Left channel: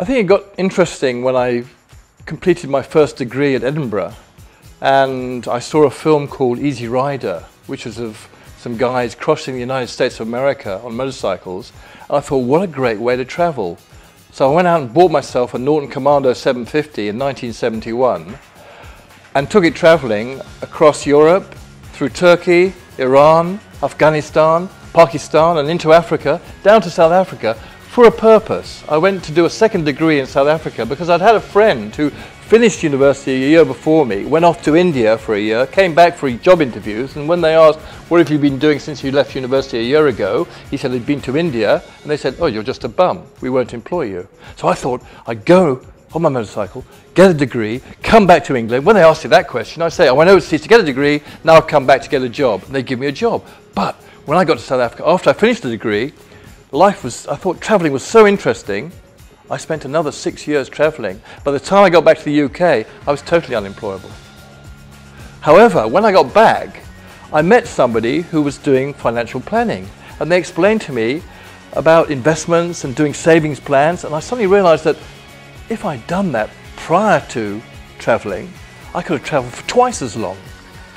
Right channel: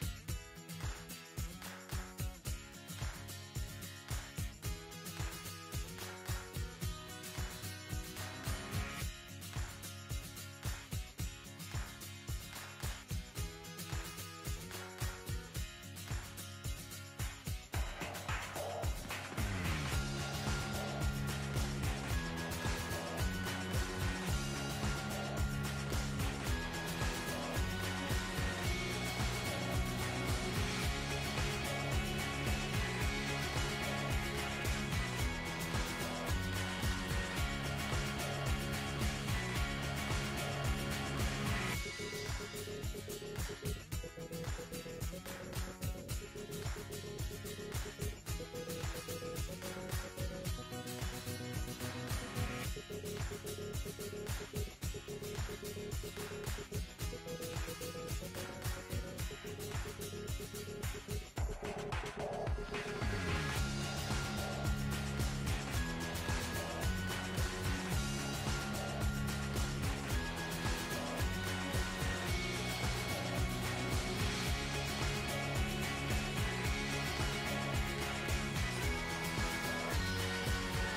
I think it got interesting when I completed my first degree at Edinburgh, and I saw a film called Easy Rider, which was of some guys crossing the United States of America on motorcycles. And I thought, what a great way to travel. So I went out and bought myself a Norton Commando 750 in 1971 and took it traveling across Europe, through Turkey, Iran, Afghanistan, Pakistan, and into Africa, down to South Africa, for a purpose. I went to do a second degree in South Africa because I'd had a friend who finished university a year before me, went off to India for a year, came back for job interviews, and when they asked, what have you been doing since you left university a year ago? He said he'd been to India, and they said, oh, you're just a bum, we won't employ you. So I thought I'd go on my motorcycle, get a degree, come back to England. When they asked you that question, I say, I went overseas to get a degree, now I've come back to get a job. And they give me a job. But when I got to South Africa, after I finished the degree, I thought traveling was so interesting, I spent another 6 years traveling. By the time I got back to the UK, I was totally unemployable. However, when I got back, I met somebody who was doing financial planning, and they explained to me about investments and doing savings plans, and I suddenly realized that if I'd done that prior to traveling, I could have traveled for twice as long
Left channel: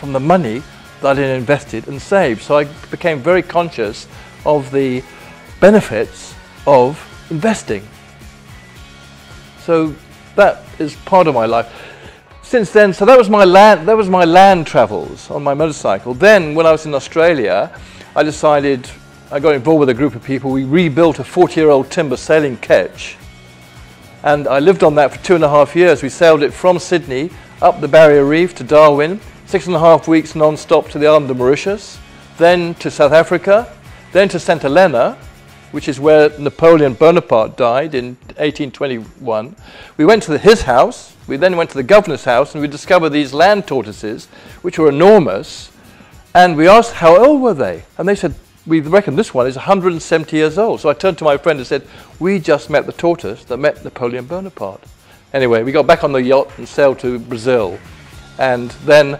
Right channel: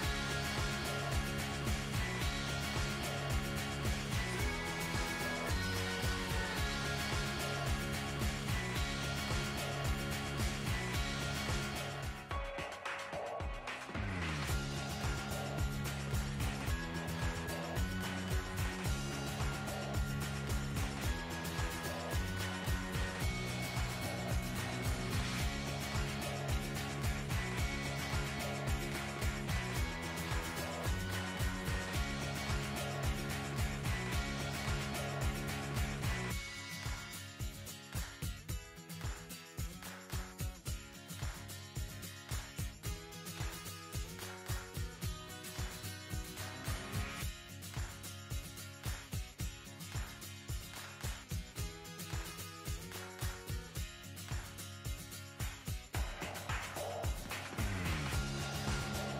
from the money that I'd invested and saved. So I became very conscious of the benefits of investing. So that is part of my life. Since then, so that was my land travels on my motorcycle. Then when I was in Australia, I got involved with a group of people. We rebuilt a 40-year-old timber sailing ketch, and I lived on that for 2.5 years. We sailed it from Sydney up the Barrier Reef to Darwin, 6.5 weeks non-stop to the island of Mauritius, then to South Africa, then to St Helena, which is where Napoleon Bonaparte died in 1821. We went to his house, we then went to the governor's house, and we discovered these land tortoises, which were enormous, and we asked how old were they? And they said, we reckon this one is 170 years old. So I turned to my friend and said, we just met the tortoise that met Napoleon Bonaparte. Anyway, we got back on the yacht and sailed to Brazil. And then,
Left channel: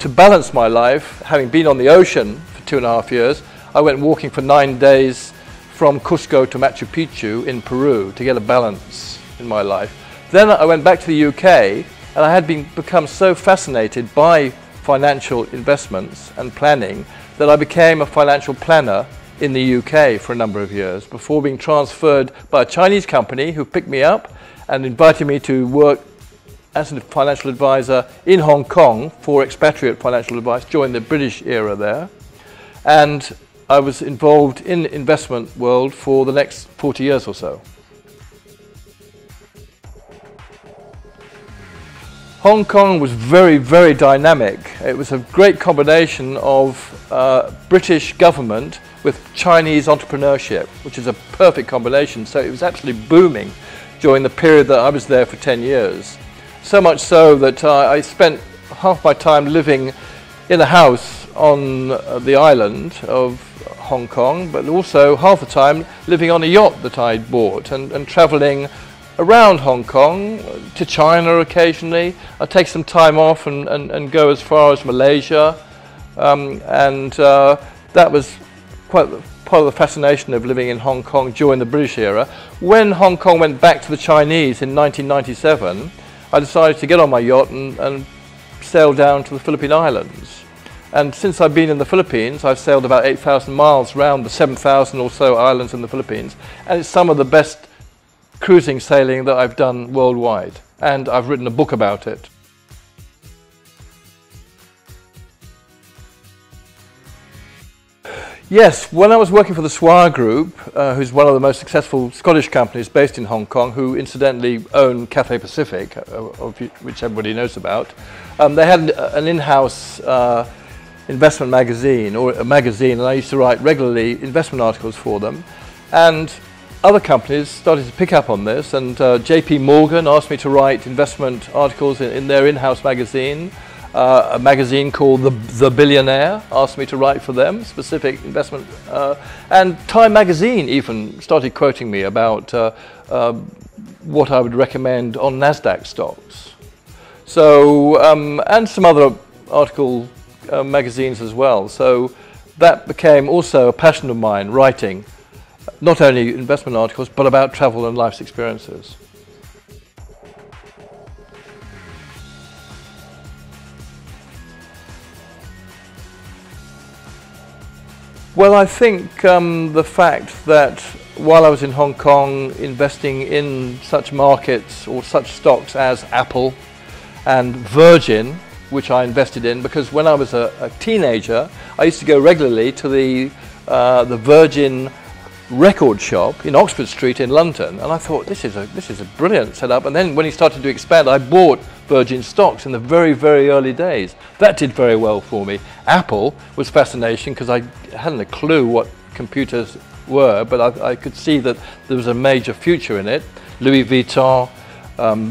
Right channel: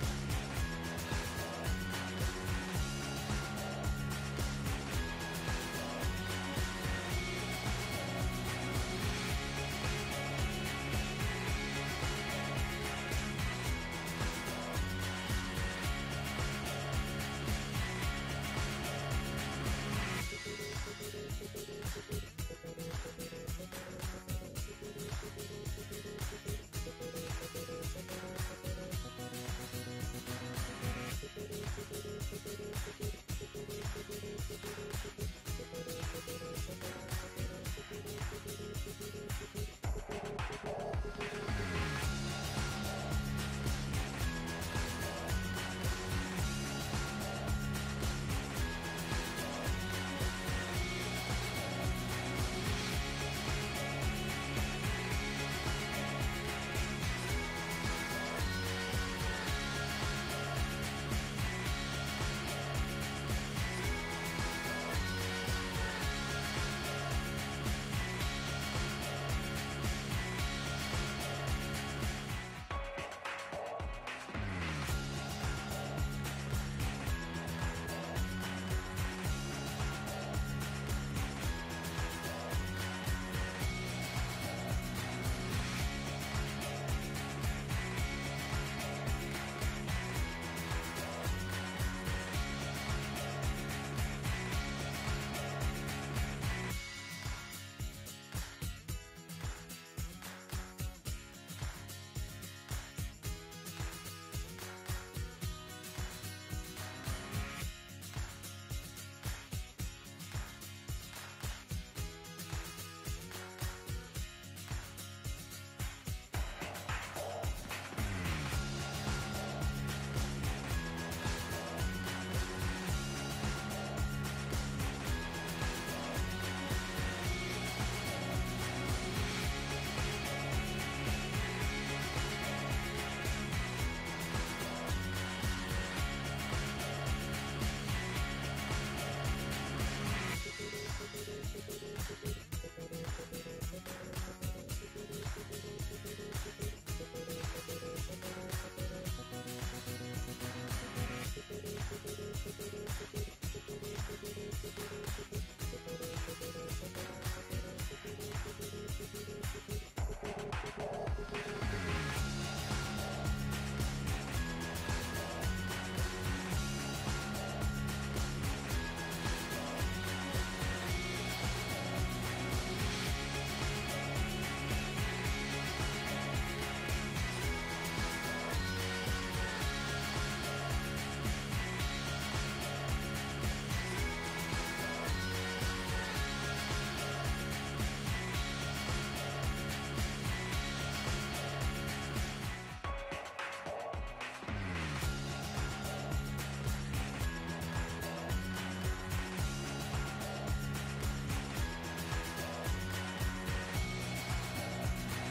to balance my life, having been on the ocean for 2.5 years, I went walking for 9 days from Cusco to Machu Picchu in Peru to get a balance in my life. Then I went back to the UK, and I had become so fascinated by financial investments and planning that I became a financial planner in the UK for a number of years before being transferred by a Chinese company who picked me up and invited me to work as a financial advisor in Hong Kong for expatriate financial advice during the British era there. And I was involved in the investment world for the next 40 years or so. Hong Kong was very, very dynamic. It was a great combination of British government with Chinese entrepreneurship, which is a perfect combination. So it was actually booming during the period that I was there for 10 years. So much so that I spent half my time living in a house on the island of Hong Kong, but also half the time living on a yacht that I'd bought and traveling around Hong Kong, to China occasionally. I'd take some time off and go as far as Malaysia, that was quite part of the fascination of living in Hong Kong during the British era. When Hong Kong went back to the Chinese in 1997, I decided to get on my yacht and sail down to the Philippine Islands. And since I've been in the Philippines, I've sailed about 8,000 miles around the 7,000 or so islands in the Philippines. And it's some of the best cruising sailing that I've done worldwide. And I've written a book about it. Yes, when I was working for the Swire Group, who's one of the most successful Scottish companies based in Hong Kong, who incidentally own Cathay Pacific, which everybody knows about, they had an in-house investment magazine, or a magazine, and I used to write regularly investment articles for them. And other companies started to pick up on this, and JP Morgan asked me to write investment articles in their in-house magazine. A magazine called The Billionaire asked me to write for them, specific investment, and Time magazine even started quoting me about what I would recommend on NASDAQ stocks. So, and some other article magazines as well. So that became also a passion of mine, writing not only investment articles, but about travel and life's experiences. Well, I think the fact that while I was in Hong Kong investing in such markets or such stocks as Apple and Virgin, which I invested in, because when I was a teenager, I used to go regularly to the Virgin record shop in Oxford Street in London, and I thought this is a brilliant setup. And then when he started to expand, I bought Virgin stocks in the very, very early days. That did very well for me. Apple was fascinating because I hadn't a clue what computers were, but I could see that there was a major future in it. Louis Vuitton,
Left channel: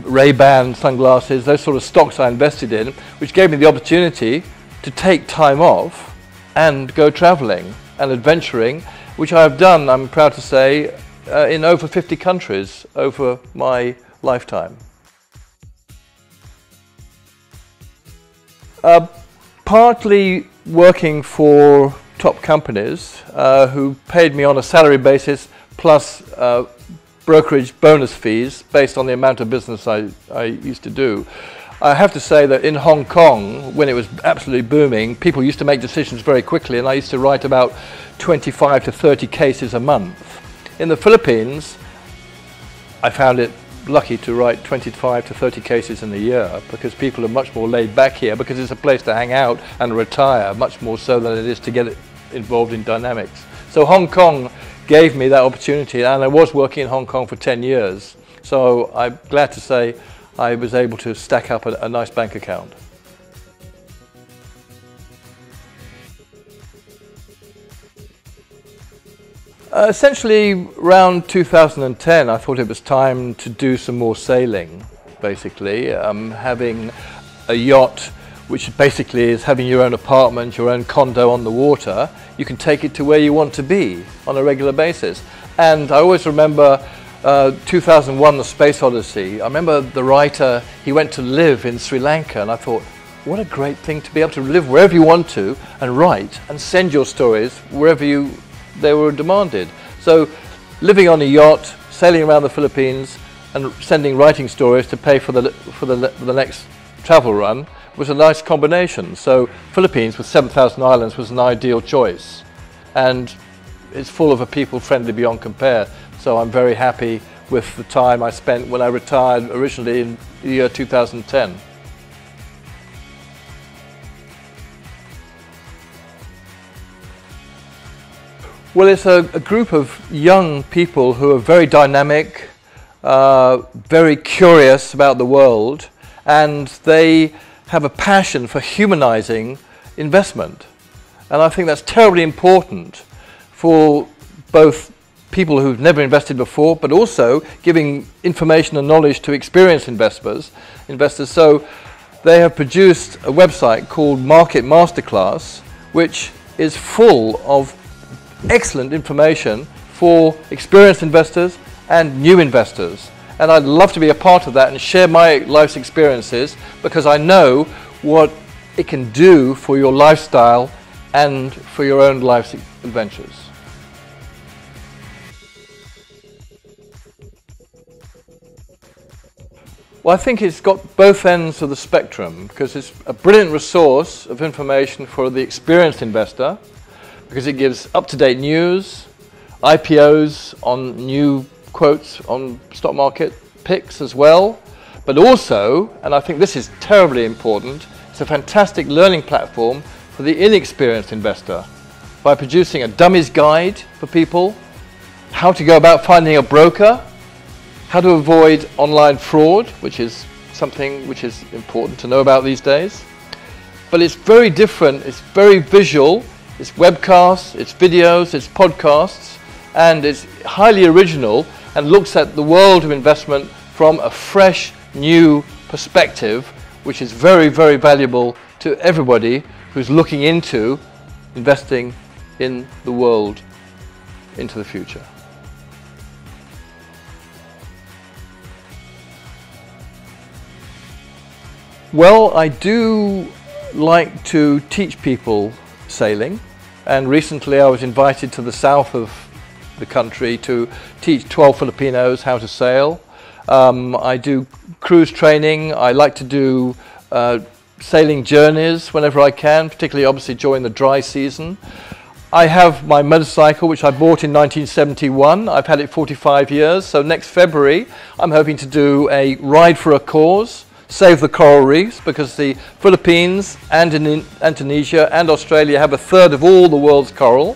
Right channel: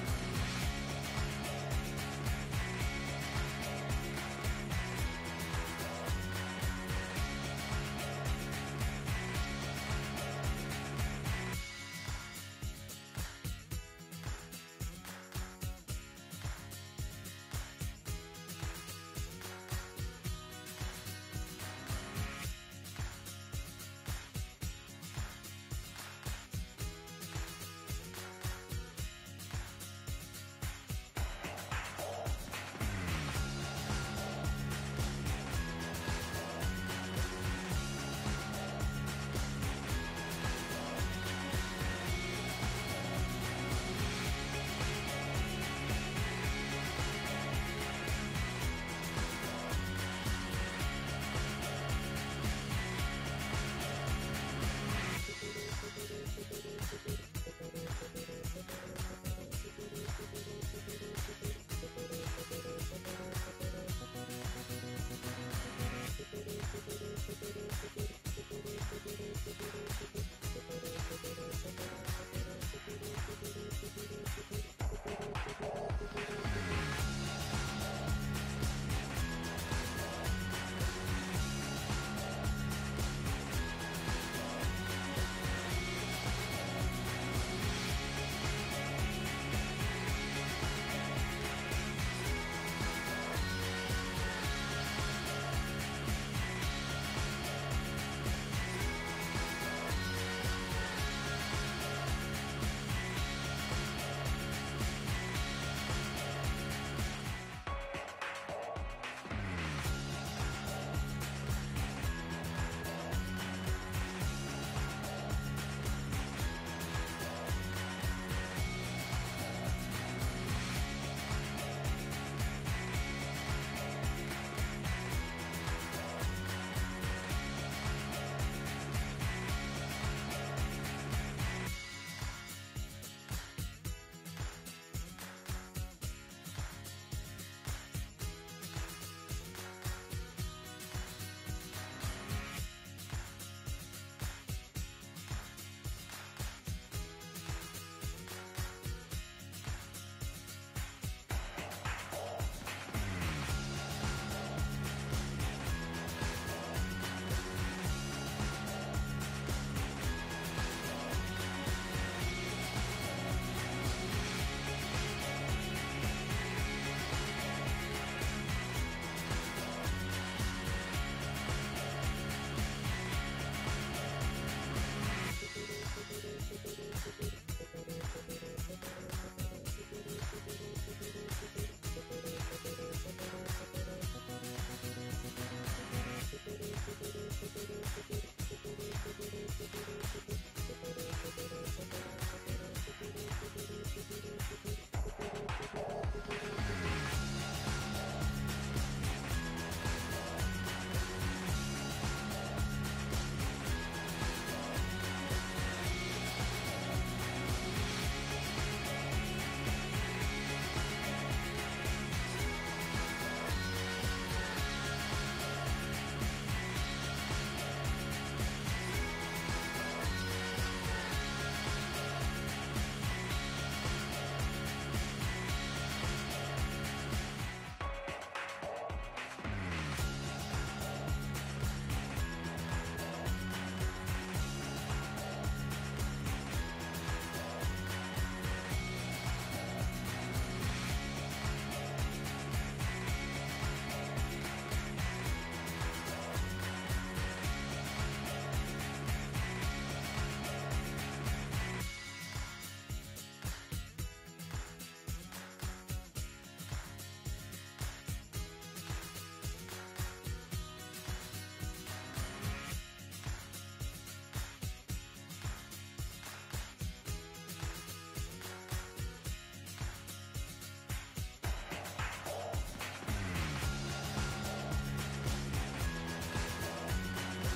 Ray-Ban sunglasses, those sort of stocks I invested in, which gave me the opportunity to take time off and go traveling and adventuring, which I have done, I'm proud to say, in over 50 countries over my lifetime. Partly working for top companies who paid me on a salary basis plus brokerage bonus fees based on the amount of business I used to do. I have to say that in Hong Kong, when it was absolutely booming, people used to make decisions very quickly, and I used to write about 25 to 30 cases a month. In the Philippines, I found it lucky to write 25 to 30 cases in a year because people are much more laid back here because it's a place to hang out and retire, much more so than it is to get involved in dynamics. So Hong Kong gave me that opportunity, and I was working in Hong Kong for 10 years. So I'm glad to say I was able to stack up a nice bank account. Essentially, around 2010, I thought it was time to do some more sailing, basically. Having a yacht, which basically is having your own apartment, your own condo on the water, you can take it to where you want to be on a regular basis. And I always remember 2001, The Space Odyssey. I remember the writer, he went to live in Sri Lanka, and I thought, what a great thing to be able to live wherever you want to and write and send your stories wherever they were demanded. So living on a yacht, sailing around the Philippines and sending writing stories to pay for the next travel run was a nice combination. So Philippines with 7,000 islands was an ideal choice, and it's full of a people friendly beyond compare. So I'm very happy with the time I spent when I retired originally in the year 2010. Well, it's a group of young people who are very dynamic, very curious about the world, and they have a passion for humanizing investment. And I think that's terribly important for both people who've never invested before, but also giving information and knowledge to experienced investors. So they have produced a website called Market Masterclass, which is full of excellent information for experienced investors and new investors. And I'd love to be a part of that and share my life's experiences, because I know what it can do for your lifestyle and for your own life's adventures. Well, I think it's got both ends of the spectrum, because it's a brilliant resource of information for the experienced investor, because it gives up-to-date news, IPOs on new quotes on stock market picks as well, but also, and I think this is terribly important, it's a fantastic learning platform for the inexperienced investor by producing a dummies guide for people, how to go about finding a broker, how to avoid online fraud, which is something which is important to know about these days. But it's very different, it's very visual, it's webcasts, it's videos, it's podcasts, and it's highly original and looks at the world of investment from a fresh, new perspective, which is very, very valuable to everybody who's looking into investing in the world into the future. Well, I do like to teach people sailing, and recently I was invited to the south of the country to teach 12 Filipinos how to sail. I do cruise training. I like to do sailing journeys whenever I can, particularly obviously during the dry season. I have my motorcycle, which I bought in 1971. I've had it 45 years, so next February I'm hoping to do a ride for a cause, save the coral reefs, because the Philippines and Indonesia and Australia have a third of all the world's coral,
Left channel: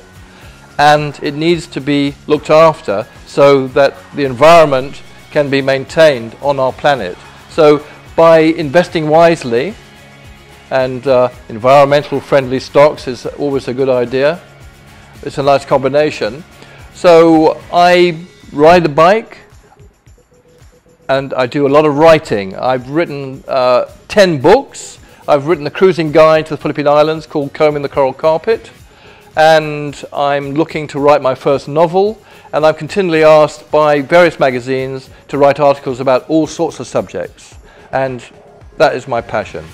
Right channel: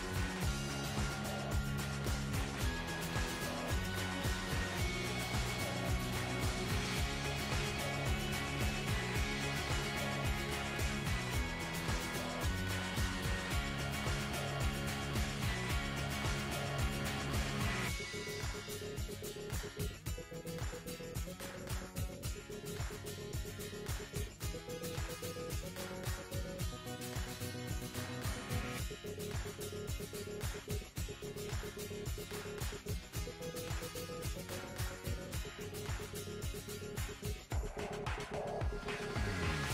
and it needs to be looked after so that the environment can be maintained on our planet. So by investing wisely, and environmental friendly stocks is always a good idea. It's a nice combination. So I ride a bike and I do a lot of writing. I've written 10 books. I've written a cruising guide to the Philippine Islands called Combing the Coral Carpet, and I'm looking to write my first novel, and I'm continually asked by various magazines to write articles about all sorts of subjects, and that is my passion.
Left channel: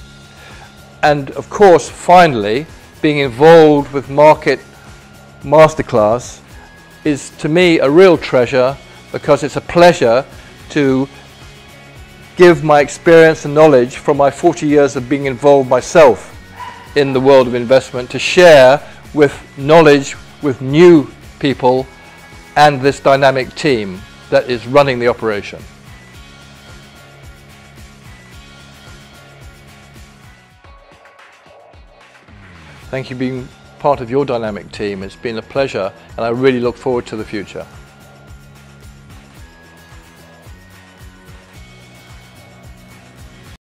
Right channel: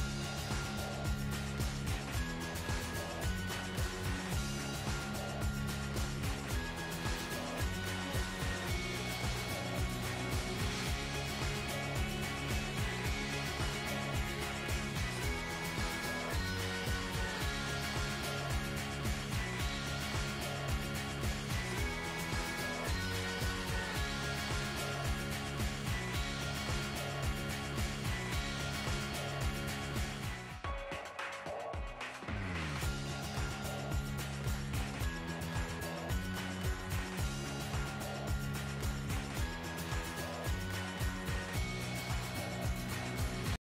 And of course, finally, being involved with Market Masterclass is to me a real treasure, because it's a pleasure to give my experience and knowledge from my 40 years of being involved myself in the world of investment, to share with knowledge with new people and this dynamic team that is running the operation. Thank you for being part of your dynamic team. It's been a pleasure, and I really look forward to the future.